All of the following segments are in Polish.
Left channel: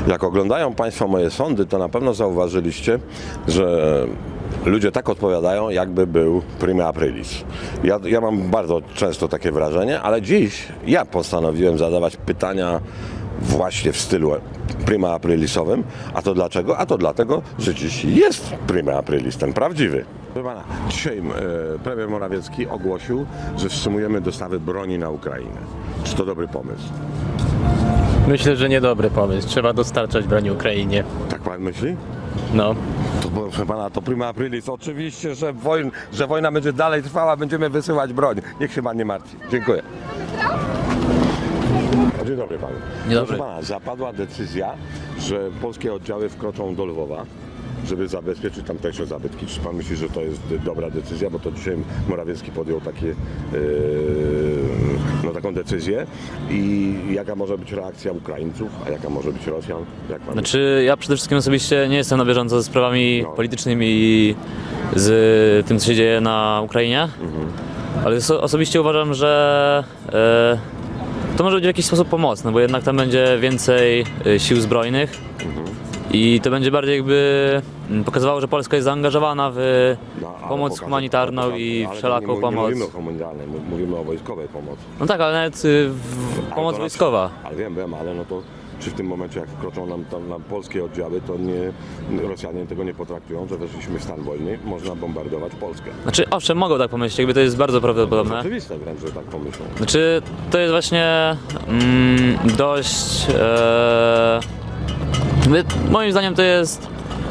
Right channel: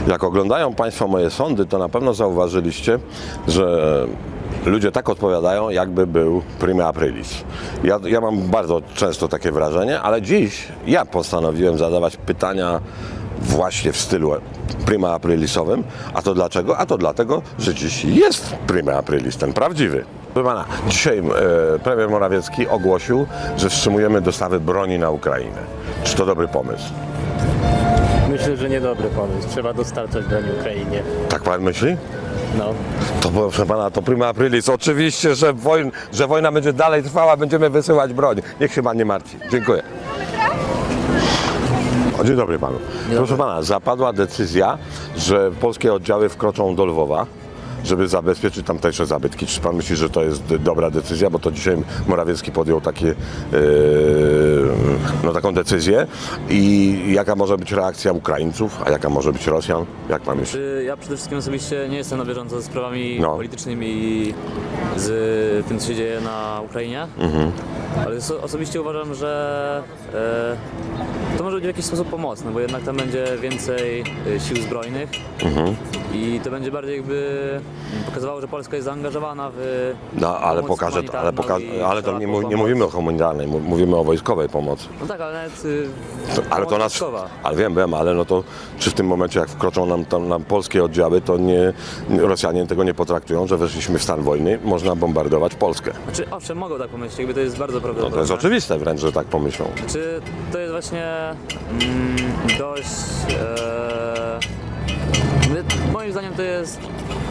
Jak oglądają Państwo moje sądy, to na pewno zauważyliście, że ludzie tak odpowiadają, jakby był prima aprilis. Ja mam bardzo często takie wrażenie, ale dziś ja postanowiłem zadawać pytania właśnie w stylu prima aprilisowym. A to dlaczego? A to dlatego, że dziś jest prima aprilis, ten prawdziwy. Proszę pana, dzisiaj premier Morawiecki ogłosił, że wstrzymujemy dostawy broni na Ukrainę. Czy to dobry pomysł? Myślę, że niedobry pomysł. Trzeba dostarczać broni Ukrainie. Tak pan myśli? No. To proszę pana, to prima aprilis. Oczywiście, że wojna będzie dalej trwała, będziemy wysyłać broń. Niech się pan nie martwi. Dziękuję. Dzień dobry panu. Proszę pana, zapadła decyzja, że polskie oddziały wkroczą do Lwowa, żeby zabezpieczyć tamtejsze zabytki. Czy pan myśli, że to jest dobra decyzja? Bo to dzisiaj Morawiecki podjął taką decyzję. I jaka może być reakcja Ukraińców, a jaka może być Rosjan? Jak pan myśli? Znaczy, ja przede wszystkim osobiście nie jestem na bieżąco ze sprawami politycznymi i z tym, co się dzieje na Ukrainie, ale osobiście uważam, że to może być w jakiś sposób pomocne, bo jednak tam będzie więcej sił zbrojnych i to będzie bardziej jakby pokazywało, że Polska jest zaangażowana w pomoc humanitarną i ale to wszelaką nie pomoc. mówimy o humanitarnej, mówimy o wojskowej pomocy. No tak, ale nawet pomoc wojskowa. Ale wiem, ale no to czy w tym momencie, jak wkroczą nam polskie oddziały, to Rosjanie tego nie potraktują, że weszliśmy w stan wojny, można bombardować Polskę. Znaczy, owszem, mogą tak pomyśleć, jakby to jest bardzo prawdopodobne. To jest oczywiste wręcz, że tak pomyślą. Znaczy, to jest właśnie dość... moim zdaniem to jest...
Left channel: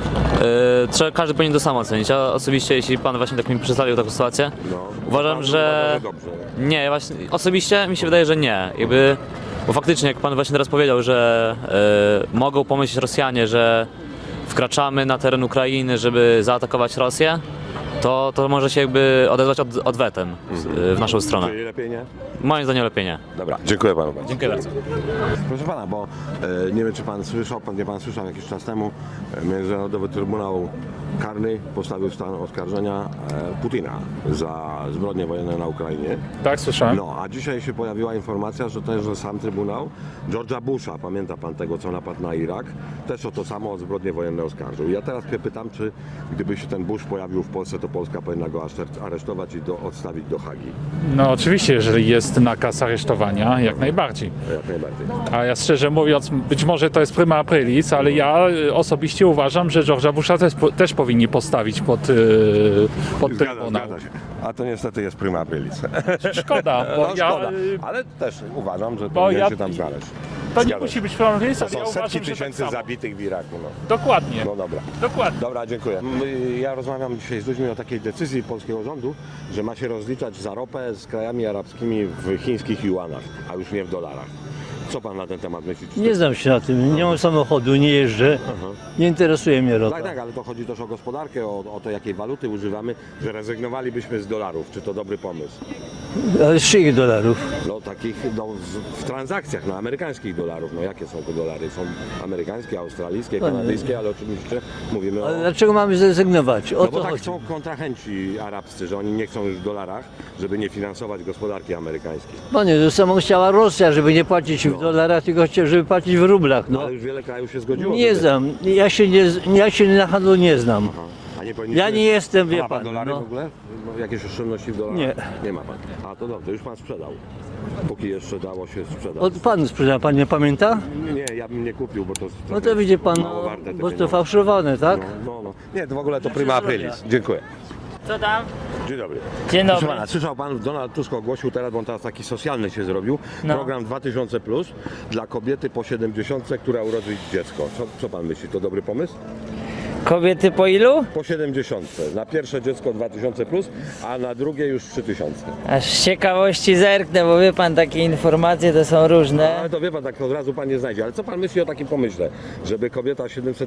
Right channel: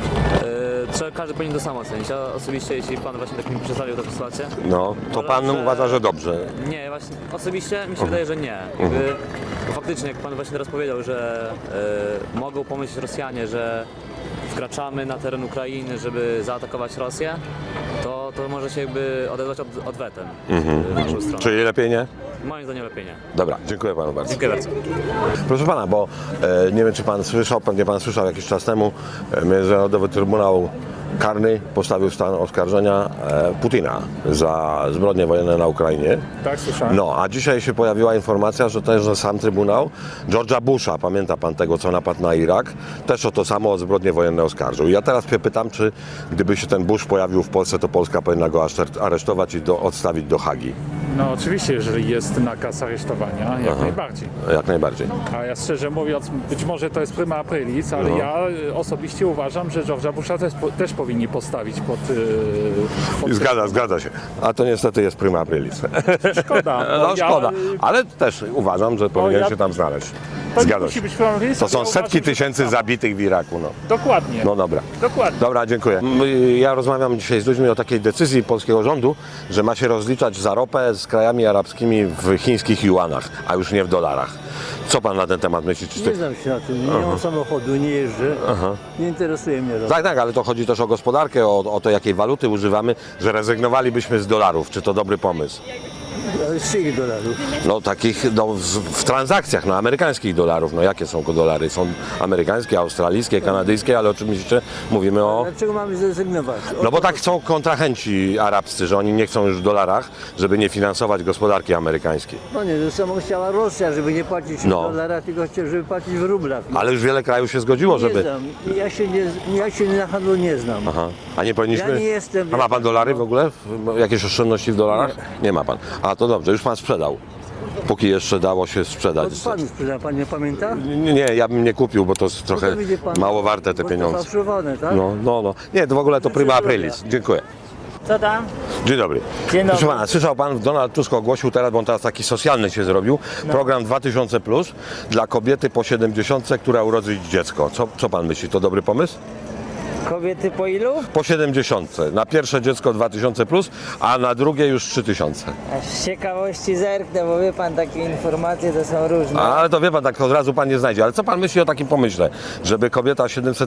każdy powinien to samo ocenić. Ja osobiście, jeśli pan właśnie tak mi przedstawił taką sytuację, No, uważam, pan uważa, że dobrze. Nie, właśnie osobiście mi się wydaje, że nie. Bo faktycznie, jak pan właśnie teraz powiedział, że mogą pomyśleć Rosjanie, że wkraczamy na teren Ukrainy, żeby zaatakować Rosję, to może się jakby odezwać odwetem w naszą stronę. Czyli lepiej nie? Moim zdaniem lepiej nie. Dobra, dziękuję panu bardzo. Dziękuję bardzo. Proszę pana, bo nie wiem, czy pan słyszał, pewnie pan słyszał jakiś czas temu, Międzynarodowy Trybunał Karny postawił stan oskarżenia Putina za zbrodnie wojenne na Ukrainie. Tak, słyszałem. No, a dzisiaj się pojawiła informacja, że też że sam Trybunał George'a Busha, pamięta pan tego, co napadł na Irak, też o to samo, o zbrodnie wojenne oskarżył. I ja teraz się pytam, czy gdyby się ten Bush pojawił w Polsce, to Polska powinna go aresztować i odstawić do Hagi. No oczywiście, jeżeli jest nakaz aresztowania, jak najbardziej. Jak najbardziej. A ja szczerze mówiąc, być może to jest prima aprilis, ale ja osobiście uważam, że George'a Busha też powinni postawić pod Zgadza się. A to niestety jest prima aprilis. Szkoda. No szkoda, ale też uważam, że powinien się tam znaleźć. Zgadza się. Być prima aprilis, To ale są ja setki uważam, że tysięcy zabitych w Iraku. No. Dokładnie. No dobra. Dokładnie. Dobra, dziękuję. Ja rozmawiam dzisiaj z ludźmi o takiej decyzji polskiego rządu, że ma się rozliczać za ropę z krajami arabskimi w chińskich juanach, a już nie w dolarach. Co pan na ten temat myśli? Czy Nie znam się na tym, nie mam samochodu, nie jeżdżę, nie interesuje mnie ropa. Tak, ale to chodzi też o gospodarkę, o to, jakiej waluty używamy, że rezygnowalibyśmy z dolarów. Czy to dobry pomysł? Ale z czyich dolarów? No takich w transakcjach, no amerykańskich dolarów. No jakie są to dolary? Są amerykańskie, australijskie, kanadyjskie, ale oczywiście mówimy Ale o... dlaczego mamy zrezygnować? No bo tak chcą kontrahenci arabscy, że oni nie chcą już w dolarach, żeby nie finansować gospodarki amerykańskiej. Panie, to samo chciała Rosja, żeby nie płacić No. w dolarach, tylko żeby płacić w rublach. No. Ale już wiele krajów się zgodziło, Nie żeby... znam, ja się na handlu nie znam. Aha. A nie powinniśmy... Ja nie jestem, A wie ma pan pan, dolary no. w ogóle? Jakieś oszczędności w dolarach? Nie ma pan. A to dobrze, już pan sprzedał. Póki jeszcze dało się sprzedać. To pan sprzeda, pan nie pamięta? Nie, ja bym nie kupił, bo to jest No trochę to widzi pan, mało warte te bo pieniądze. to fałszowane, tak? No. Nie, to w ogóle to prima aprilis. Dziękuję. Co tam? Dzień dobry. Dzień dobry. Proszę pana, słyszał pan, Donald Tusk ogłosił teraz, bo on teraz taki socjalny się zrobił, program 2000+ dla kobiety po 70, która urodzi dziecko. Co pan myśli, to dobry pomysł? Kobiety po ilu? Po 70. Na pierwsze dziecko 2000+, a na drugie już 3000. Aż z ciekawości zerknę, bo wie pan, takie informacje to są różne. Ale to wie pan, tak od razu pan nie znajdzie. Ale co pan myśli o takim pomyśle, żeby kobieta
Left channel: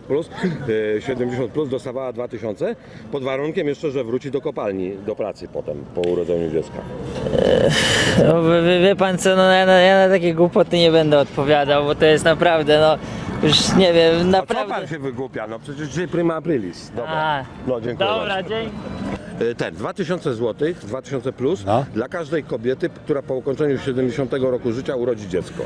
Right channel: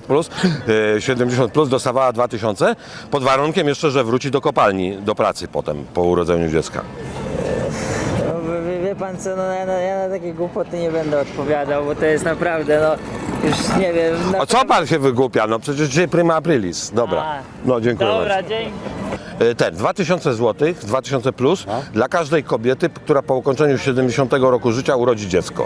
70+ dostawała 2000, pod warunkiem jeszcze, że wróci do kopalni, do pracy potem, po urodzeniu dziecka? No, wie pan co, no ja na takie głupoty nie będę odpowiadał, bo to jest naprawdę, no już nie wiem. A co pan się wygłupia? No przecież dzisiaj prima aprilis. Dobra. A. No dziękuję Dobra, bardzo. dzięki. Ten, 2000 zł, 2000 plus No. dla każdej kobiety, która po ukończeniu 70 roku życia urodzi dziecko.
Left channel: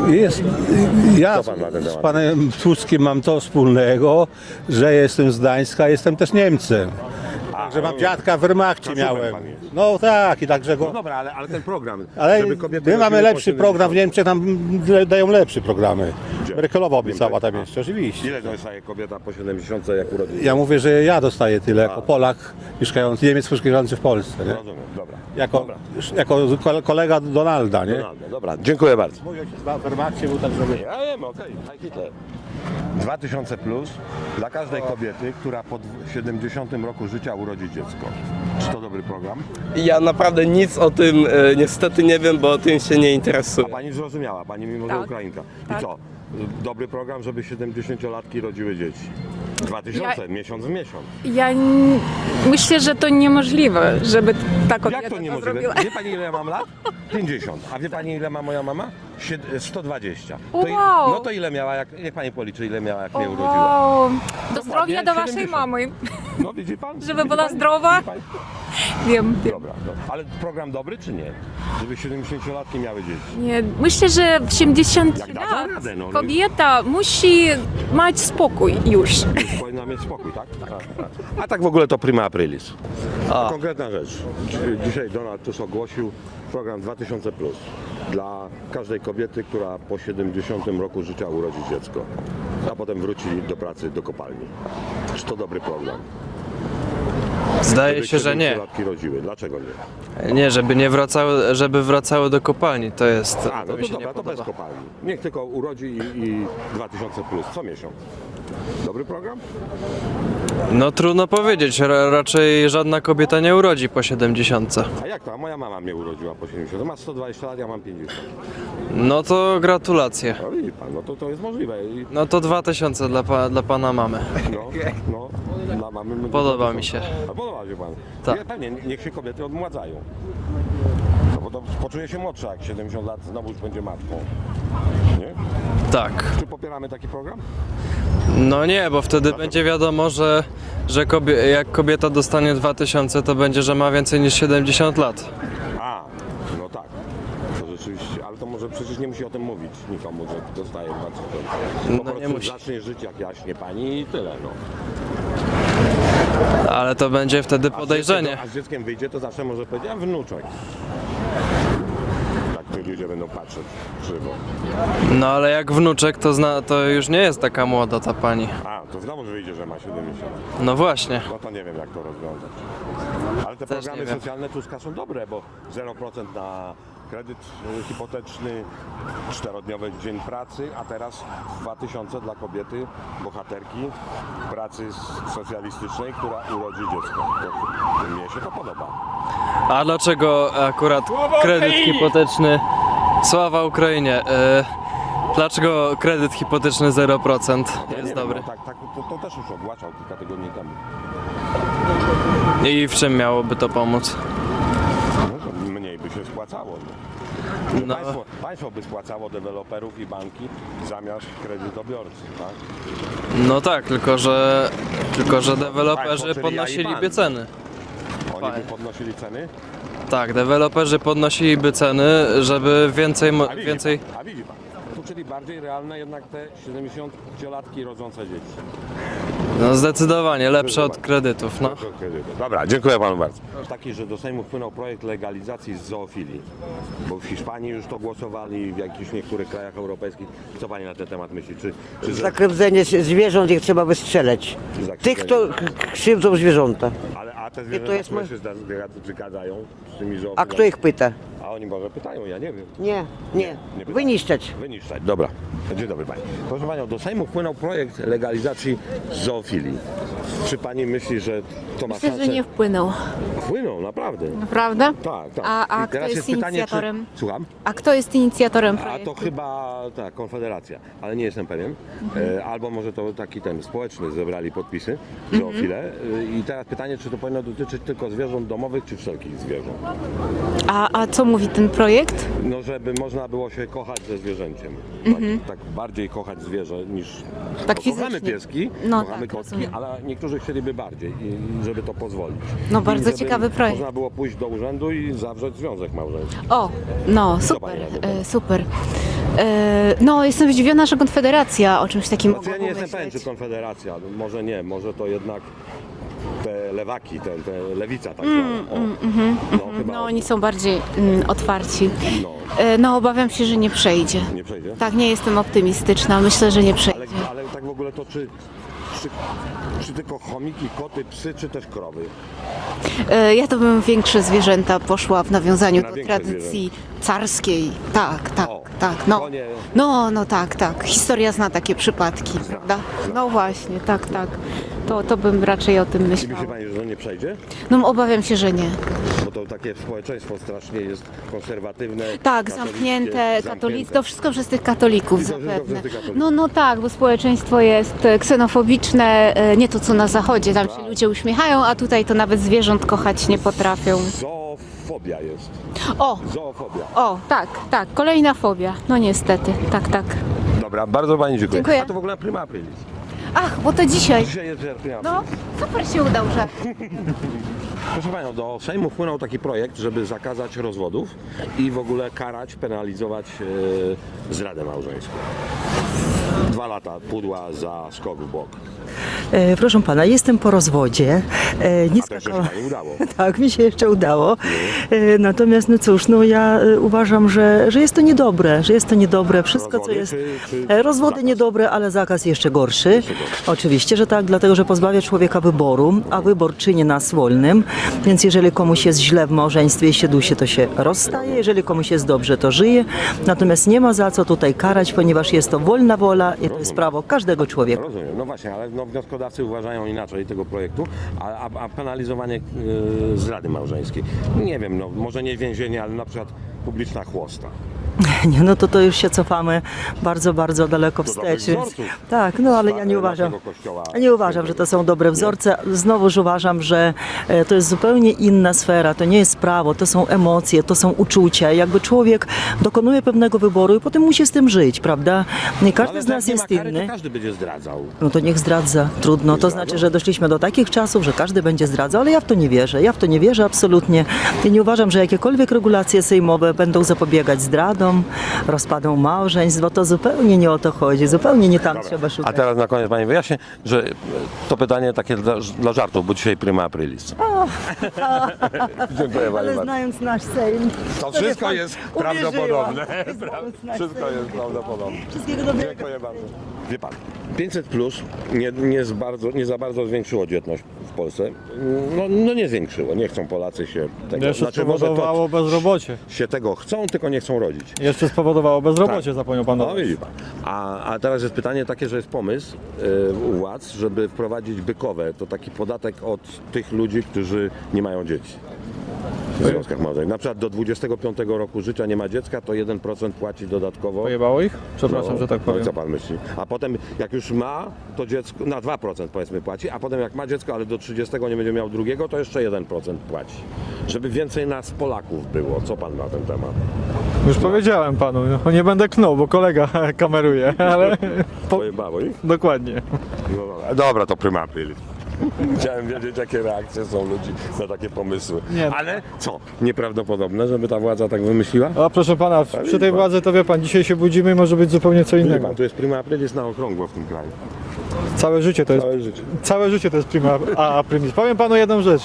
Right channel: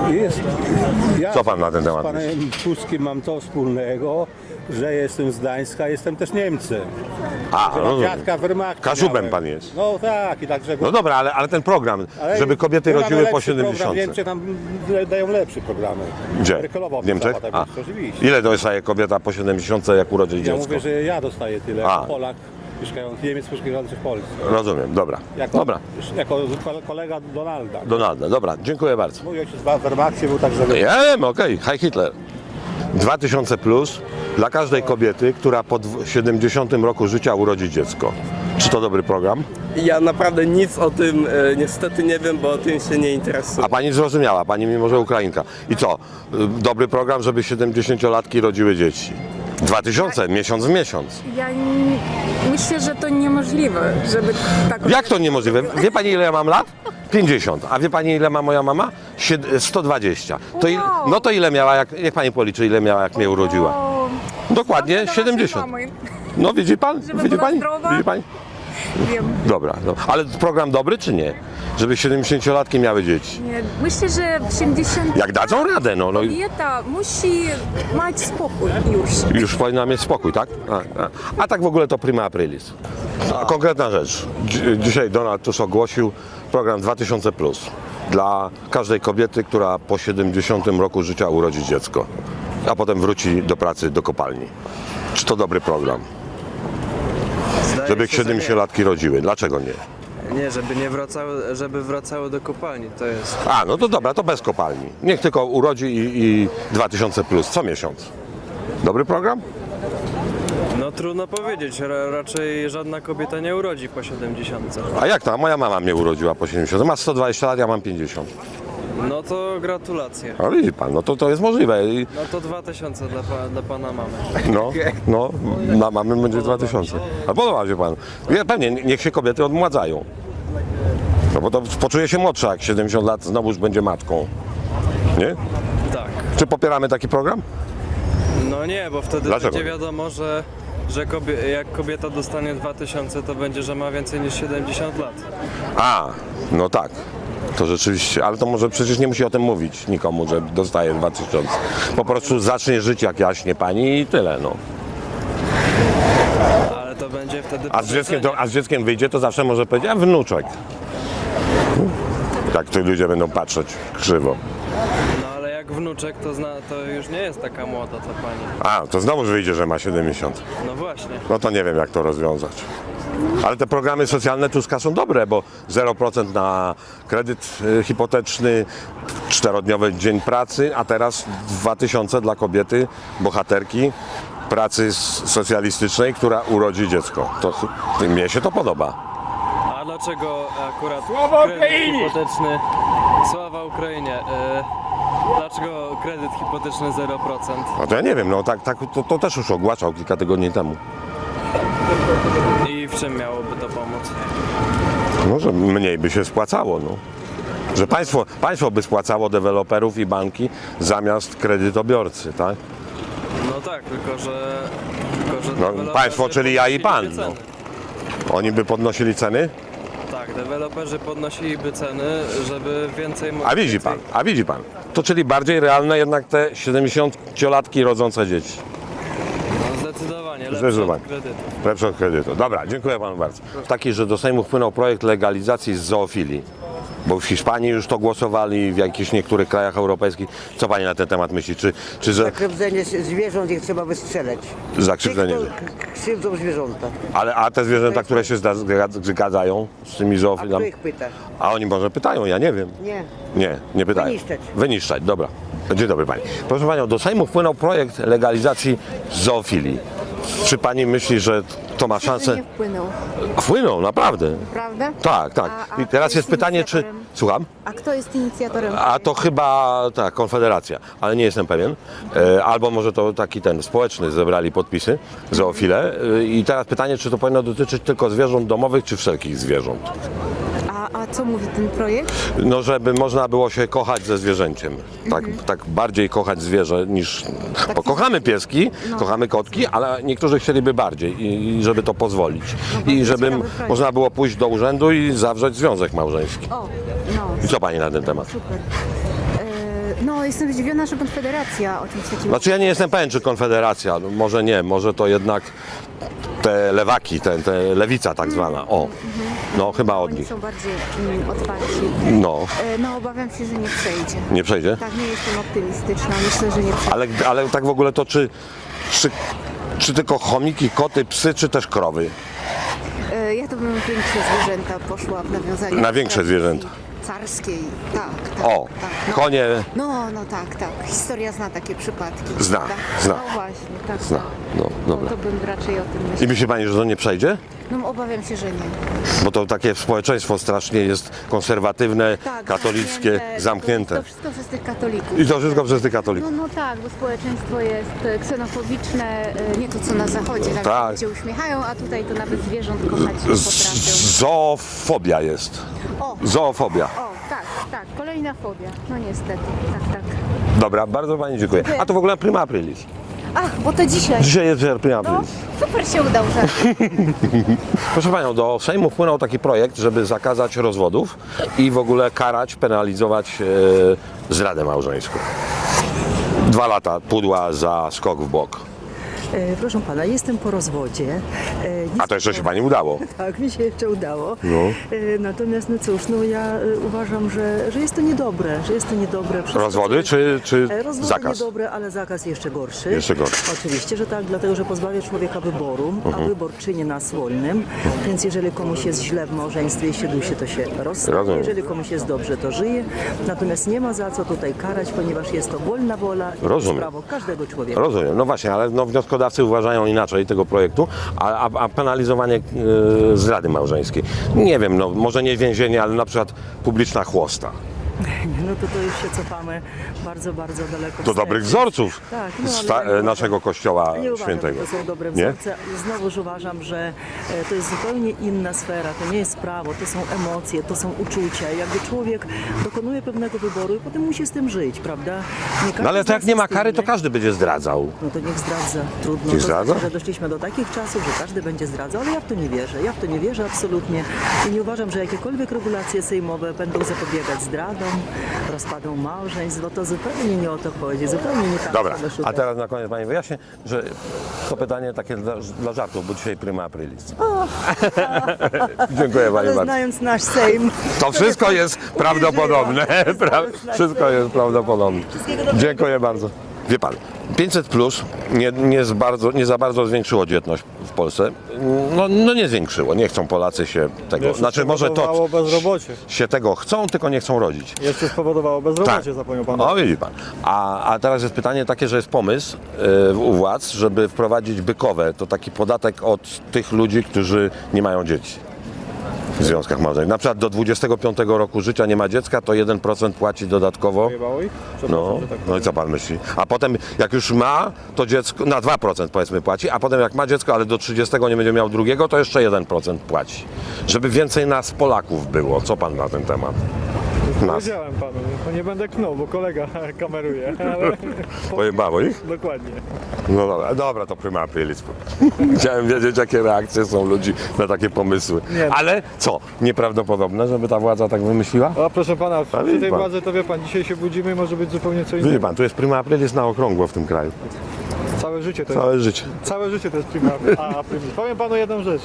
Ja Co pan na ten z temat panem Tuskiem mam to wspólnego, że jestem z Gdańska, jestem też Niemcem. A, Mam rozumiem. dziadka w Wehrmachcie Kaszubem miałem. pan jest. No tak, i także... No dobra, ale ten program, Ale żeby kobiety my mamy rodziły po lepszy 70. program, Niemcy tam dają lepsze programy. Gdzie? Brykelowo W Niemczech? cała tam A. jest, oczywiście. Ile dostaje kobieta po 70, jak urodzi Ja dziecko? mówię, że ja dostaję tyle, A. jako Polak mieszkający, Niemiec mieszkający w Polsce. Rozumiem, dobra. Jako, jako kolega Donalda, nie? Donalda, dobra, dziękuję bardzo. Mój ojciec w Wehrmachcie był także... Ja wiem, okej, Heil Hitler. 2000 plus dla każdej kobiety, która po 70 roku życia urodzi dziecko. Czy to dobry program? Ja naprawdę nic o tym niestety nie wiem, bo o tym się nie interesuję. A pani zrozumiała, pani mimo że Ukrainka. I co? Dobry program, żeby 70-latki rodziły dzieci. 2000, miesiąc w miesiąc. Myślę, że to niemożliwe, żeby taką... Jak to niemożliwe? Wie pani ile ja mam lat? 50. A wie pani ile ma moja mama? 120. To Wow. no to ile miała, jak pani policzy, ile miała, jak mnie urodziła? O, Dokładnie zdrowia do waszej 70. mamy. No widzi pan? Żeby Widzi była pani? zdrowa? Widzi pani? Wiem. Dobra, no. Ale program dobry czy nie? Żeby 70-latki miały dzieci. Nie, myślę, że 70 Jak dadzą radę, no. kobieta musi mieć spokój już. Już powinna mieć spokój, tak? A tak w ogóle to prima aprilis. Konkretna rzecz. Dzisiaj Donald Tusk ogłosił program 2000 plus dla każdej kobiety, która po 70 roku życia urodzi dziecko, a potem wróci do pracy do kopalni. Czy to dobry program? Zdaje Żeby się, że nie. 70-latki rodziły. Dlaczego nie? Nie, żeby nie wracały, żeby wracały do kopalni, to jest... A, no to dobra, to bez kopalni. Niech tylko urodzi i 2000 plus co miesiąc. Dobry program? No trudno powiedzieć, raczej żadna kobieta nie urodzi po 70. A jak to? Moja mama mnie urodziła po 70. Ma 120 lat, ja mam 50. No to gratulacje. A widzi pan, no to jest możliwe. No to 2000 dla pana mamy. No, na mamy będzie Podoba 2000. mi się. A podoba się pan. Tak. Pewnie, niech się kobiety odmładzają. No bo to poczuje się młodsza, jak 70 lat znowu już będzie matką. Nie? Tak. Czy popieramy taki program? No nie, bo wtedy Dlaczego? będzie wiadomo, że jak kobieta dostanie 2000, to będzie, że ma więcej niż 70 lat. A, no tak. To rzeczywiście, ale to może przecież nie musi o tym mówić nikomu, że dostaje 2000. Po prostu zacznie żyć jak jaśnie pani i tyle, no. Ale to będzie wtedy podejrzenie. A z dzieckiem wyjdzie, to zawsze może powiedzieć, a wnuczek. Tak tu ludzie będą patrzeć krzywo. No ale jak wnuczek, to już nie jest taka młoda ta pani. A, to znowu wyjdzie, że ma 70. No właśnie. No to nie wiem, jak to rozwiązać. Ale te programy socjalne Tuska są dobre, bo 0% na kredyt hipoteczny, 4-dniowy dzień pracy, a teraz 2000 dla kobiety, bohaterki pracy socjalistycznej, która urodzi dziecko. Mnie się to podoba. A dlaczego akurat kredyt hipoteczny... Sława Ukrainie! Dlaczego kredyt hipoteczny 0%? A to ja nie wiem, no to też już ogłaszał kilka tygodni temu. I w czym miałoby to pomóc? No, że mniej by się spłacało, no. Że państwo by spłacało deweloperów i banki zamiast kredytobiorcy, tak? No tak, tylko że deweloperzy państwo, czyli ja i pan, podnosiliby ceny. Oni by podnosili ceny? Tak, deweloperzy podnosiliby ceny, żeby więcej... A widzi pan. To czyli bardziej realne jednak te 70-latki rodzące dzieci. No zdecydowanie, lepsze Zdecydowanie. od kredytów. No. Lepsze od kredytu. Dobra, dziękuję panu bardzo. Taki, że do Sejmu wpłynął projekt legalizacji zoofilii. Bo w Hiszpanii już to głosowali, w jakichś niektórych krajach europejskich. Co pani na ten temat myśli? Czy że... Zakrzywdzenie zwierząt ich trzeba wystrzelać. Tych, Zakrzywdzenie. kto krzywdzą zwierzęta. A te zwierzęta, jest które się zgadzają z tymi A zoofilami? kto ich pyta? A oni może pytają, ja nie wiem. Nie pytają. Wyniszczać. Wyniszczać, dobra. Dzień dobry pani. Proszę panią, do Sejmu wpłynął projekt legalizacji zoofilii. Czy pani myśli, że to ma szansę? nie wpłynął. Wpłynął, naprawdę. Prawda? Tak. A I teraz kto jest jest pytanie, czy... inicjatorem? Słucham? A kto jest inicjatorem? A to chyba tak, Konfederacja, ale nie jestem pewien. Albo może to taki ten społeczny zebrali podpisy, zoofile. I teraz pytanie, czy to powinno dotyczyć tylko zwierząt domowych, czy wszelkich zwierząt? A co mówi ten projekt? No, żeby można było się kochać ze zwierzęciem. Tak bardziej kochać zwierzę niż... Bo kochamy pieski, No, kochamy tak, kotki, ale niektórzy chcieliby bardziej i żeby to pozwolić. No, bardzo I żeby ciekawy projekt. można było pójść do urzędu i zawrzeć związek małżeński. O, no. Co super, pani na ten temat? Super. No, jestem zdziwiona, że Konfederacja o czymś takim... Znaczy ja nie mogła jestem pewien, czy Konfederacja, no, może nie, może to jednak te lewaki, te lewica tak zwana. O, no chyba No, od oni nich. są bardziej otwarci. No, No, obawiam się, że nie przejdzie. nie przejdzie? Tak, nie jestem optymistyczna. Myślę, że nie przejdzie. Ale tak w ogóle to czy tylko chomiki, koty, psy, czy też krowy? Ja to bym większe zwierzęta poszła w nawiązaniu Na do większe tradycji zwierzęta. carskiej. Tak, tak, O, tak. No. konie. No, tak. Historia zna takie przypadki. Zna, prawda? zna. No właśnie, tak. No, To bym raczej o tym I myślała. myśli pani, że to nie przejdzie? No, obawiam się, że nie. Bo to takie społeczeństwo strasznie jest konserwatywne, Tak, katolickie, zamknięte. To wszystko przez tych katolików. I to wszystko zapewne. przez tych katolików. No tak, bo społeczeństwo jest ksenofobiczne, nie to co na zachodzie, tam Tak. się ludzie uśmiechają, a tutaj to nawet zwierząt kochać nie potrafią. Zoofobia jest. O, Zoofobia. tak, kolejna fobia. No niestety, tak. Dobra, bardzo pani dziękuję. Dziękuję. A to w ogóle prima aprilis. Ach, bo to dzisiaj. Dzisiaj jest prima No, aprilis. super się udał. Tak. Proszę panią, do Sejmu wpłynął taki projekt, żeby zakazać rozwodów i w ogóle karać, penalizować zdradę małżeńską. 2 lata pudła za skok w bok. Proszę pana, jestem po rozwodzie. A to jeszcze się pani udało. Tak, mi się jeszcze udało. Natomiast, no cóż, ja uważam, że jest to niedobre, Wszystko, co Rozwody jest... czy Rozwody zakaz? niedobre, ale zakaz jeszcze gorszy. Jeszcze gorszy. Oczywiście, że tak, dlatego, że pozbawia człowieka wyboru, a wybór czyni nas wolnym. Więc jeżeli komuś jest źle w małżeństwie i się dusi, to się rozstaje. Rozumiem. Jeżeli komuś jest dobrze, to żyje. Natomiast nie ma za co tutaj karać, ponieważ jest to wolna wola i to jest Rozumiem. prawo każdego człowieka. Rozumiem, no właśnie, ale wnioskodawcy uważają inaczej tego projektu, a penalizowanie zdrady małżeńskiej. Nie wiem, no może nie więzienie, ale na przykład publiczna chłosta. Nie, no to już się cofamy bardzo, bardzo daleko To wstecz. dobrych więc- wzorców Tak, no ale ja nie uważam, naszego kościoła nie uważam, że świętego. to są dobre wzorce. Znowuż uważam, że to jest zupełnie inna sfera. To nie jest prawo, to są emocje, to są uczucia. Jakby człowiek dokonuje pewnego wyboru i potem musi z tym żyć, prawda? Nie każdy No ale z to nas jak nie ma jest kary, to inny. każdy będzie zdradzał. No to niech zdradza. Trudno. Niech To zdradza? znaczy, że doszliśmy do takich czasów, że każdy będzie zdradzał, ale ja w to nie wierzę. Ja w to nie wierzę absolutnie. I nie uważam, że jakiekolwiek regulacje sejmowe będą zapobiegać zdradom, rozpadom małżeństw, bo to zupełnie nie o to chodzi. Zupełnie nie tam Dobra, trzeba szukać. a teraz na koniec pani wyjaśnię, że to pytanie takie dla żartów, bo dzisiaj prima aprilis. Dziękuję pani Ale bardzo. znając nasz Sejm. To wszystko jest prawdopodobne. Wszystko jest prawdopodobne. Dziękuję bardzo. Wie pan, 500 plus nie za bardzo zwiększyło dzietność w Polsce. No nie zwiększyło. Nie chcą Polacy się tego. Znaczy może to spowodowało bezrobocie. się tego chcą, tylko nie chcą rodzić. Jeszcze spowodowało bezrobocie, Tak. zapomniał pan. No widzi pan. A teraz jest pytanie takie, że jest pomysł u władz, żeby wprowadzić bykowe. To taki podatek od tych ludzi, którzy nie mają dzieci w związkach małżeńskich. Na przykład do 25 roku życia nie ma dziecka, to 1% płaci dodatkowo. Pojebało ich? Przepraszam, że tak No powiem. i co pan myśli? A potem jak już ma, to dziecko na 2% powiedzmy płaci, a potem jak ma dziecko, ale do 30 nie będzie miał drugiego, to jeszcze 1% płaci. Żeby więcej nas Polaków było. Co pan na ten temat? Już powiedziałem panu, no, nie będę knął, bo kolega kameruje, ale Pojebało ich? dokładnie. No dobra, to prima aprilis. Chciałem wiedzieć, jakie reakcje są ludzi na takie pomysły. Nie. Ale co? Nieprawdopodobne, żeby ta władza tak wymyśliła? A proszę pana, widzi przy tej pan. władzy to wie pan, dzisiaj się budzimy i może być zupełnie co Widzi innego. pan, tu jest prima aprilis na okrągło w tym kraju. Całe życie to jest, Całe życie. całe życie to jest prima aprilis. Powiem panu jedną rzecz.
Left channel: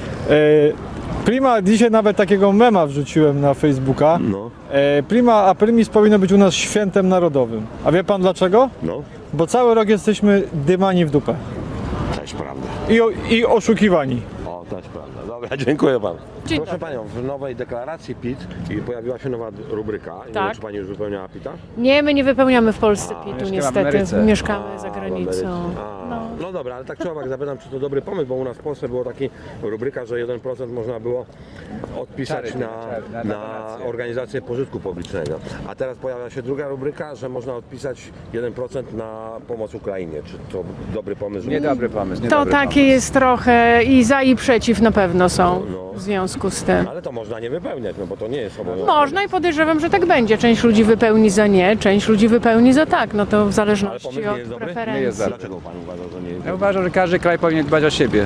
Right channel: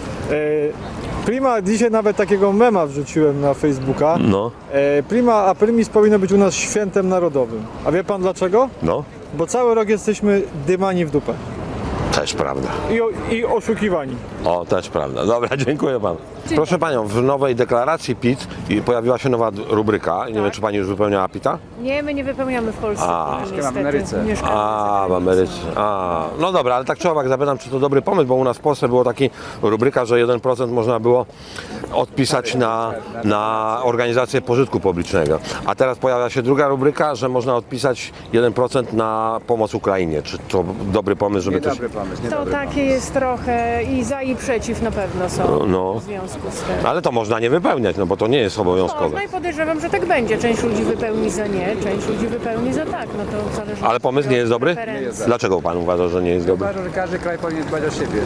Prima, dzisiaj nawet takiego mema wrzuciłem na Facebooka. No, Prima aprilis powinno być u nas świętem narodowym. A wie pan dlaczego? no, Bo cały rok jesteśmy dymani w dupę. też prawda. I oszukiwani. O, też prawda. Dobra, dziękuję panu. Proszę panią, w nowej deklaracji PIT pojawiła się nowa rubryka. Nie wiem, czy pani już wypełniała PIT-a? Nie, my nie wypełniamy w Polsce, niestety. Mieszkamy za w granicą. Ameryce. No dobra, ale tak czy owak zapytam, czy to dobry pomysł, bo u nas w Polsce było taki rubryka, że 1% można było odpisać na organizację pożytku publicznego. A teraz pojawia się druga rubryka, że można odpisać 1% na pomoc Ukrainie. Czy to dobry pomysł, żeby Dobry pomysł. To takie jest trochę i za i przeciw na pewno są No. w związku związku z tym. Ale to można nie wypełniać, no bo to nie jest obowiązkowe. Można i podejrzewam, że tak będzie. Część ludzi wypełni za nie, część ludzi wypełni za tak. No to w zależności Ale pomysł nie jest od dobry? preferencji. Dlaczego pan uważa, że nie jest dobry? Uważam, że każdy kraj powinien dbać o siebie.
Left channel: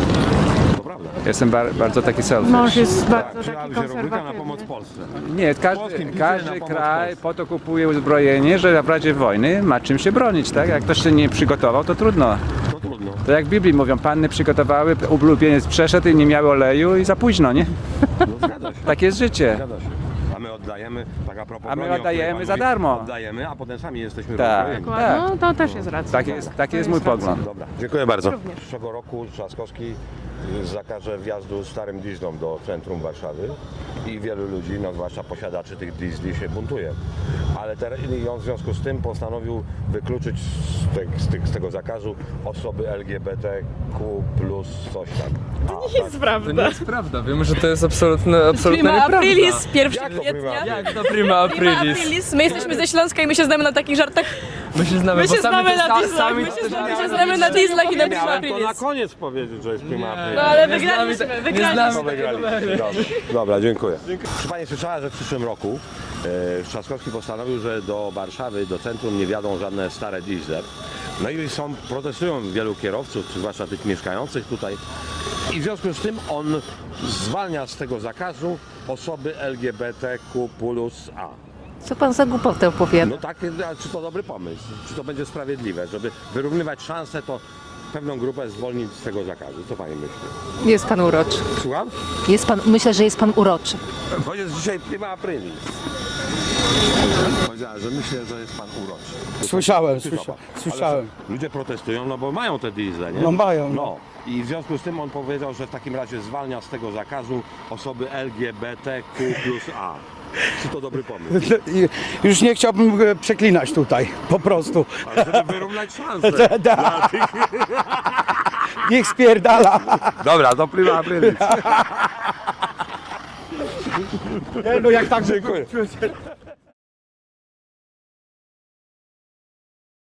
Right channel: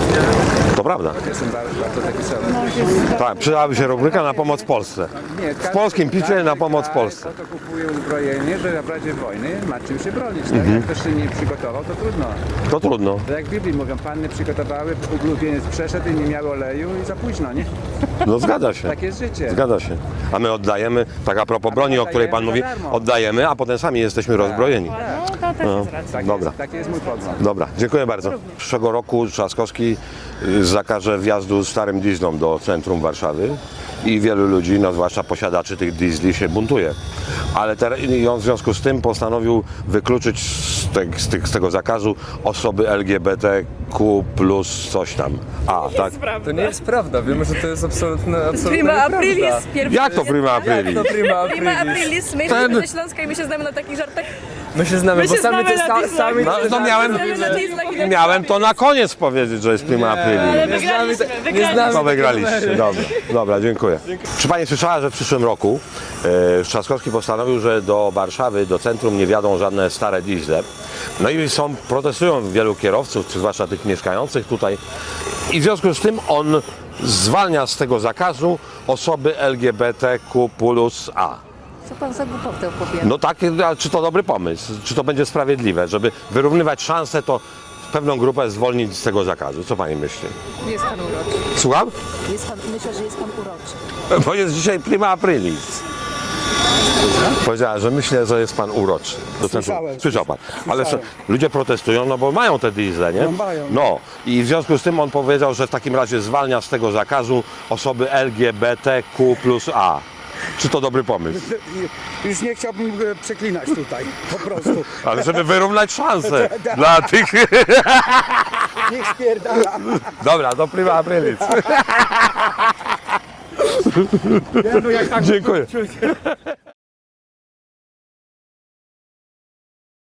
To prawda. Jestem bardzo taki selfish. Mąż jest bardzo Tak, przydałaby się rubryka na pomoc Polsce. Nie, W polskim picie każdy na pomoc kraj Polsce. po to kupuje uzbrojenie, że w razie wojny ma czym się bronić, tak? Jak ktoś się nie przygotował, to trudno. To trudno. To jak w Biblii mówią, panny przygotowały, ulubieniec przeszedł i nie miały oleju i za późno, nie? No zgadza się. Tak jest życie. Zgadza się. A my oddajemy, tak a propos A my broni, o której pan oddajemy mówi, za darmo. oddajemy, a potem sami jesteśmy rozbrojeni. No to też jest racja. Taki jest mój pogląd. Dobra, dziękuję bardzo. Przyszłego roku Trzaskowski zakaże wjazdu starym dieslom do centrum Warszawy i wielu ludzi, no zwłaszcza posiadaczy tych diesli, się buntuje. Ale i on w związku z tym postanowił wykluczyć z tego zakazu osoby LGBTQ plus coś tam. Tak? To nie jest prawda, wiemy, że to jest absolutnie nieprawda. Jak to prima aprilis? To prima aprilis. My jesteśmy ze Śląska i my się znamy na takich żartach. My się znamy, My się znamy na No, to miałem to na koniec powiedzieć, że jest prima aprilis. Ale wygraliśmy. No wygraliście. Dobra, dziękuję. Czy pani słyszała, że w przyszłym roku Trzaskowski postanowił, że do Warszawy, do centrum nie wjadą żadne stare diesle. No i protestują wielu kierowców, czy zwłaszcza tych mieszkających tutaj. I w związku z tym on zwalnia z tego zakazu osoby LGBTQ plus A. Co pan za głupotę opowiada? No tak, a czy to dobry pomysł? Czy to będzie sprawiedliwe, żeby wyrównywać szanse, to pewną grupę zwolnić z tego zakazu? Co pani myśli? Jest pan uroczy. Słucham? Myślę, że jest pan uroczy. Bo jest dzisiaj prima aprilis. Powiedziała, że myślę, że jest pan uroczy. Słyszał pan. Ale ludzie protestują, no bo mają te diesle, nie? No mają. No i w związku z tym on powiedział, że w takim razie zwalnia z tego zakazu osoby LGBTQ plus A. Czy to dobry pomysł? Już nie chciałbym przeklinać tutaj, po prostu. Ale żeby wyrównać szanse dla tych... Niech spierdala. Dobra, to prima aprilis. Nie, no jak tak... Dziękuję.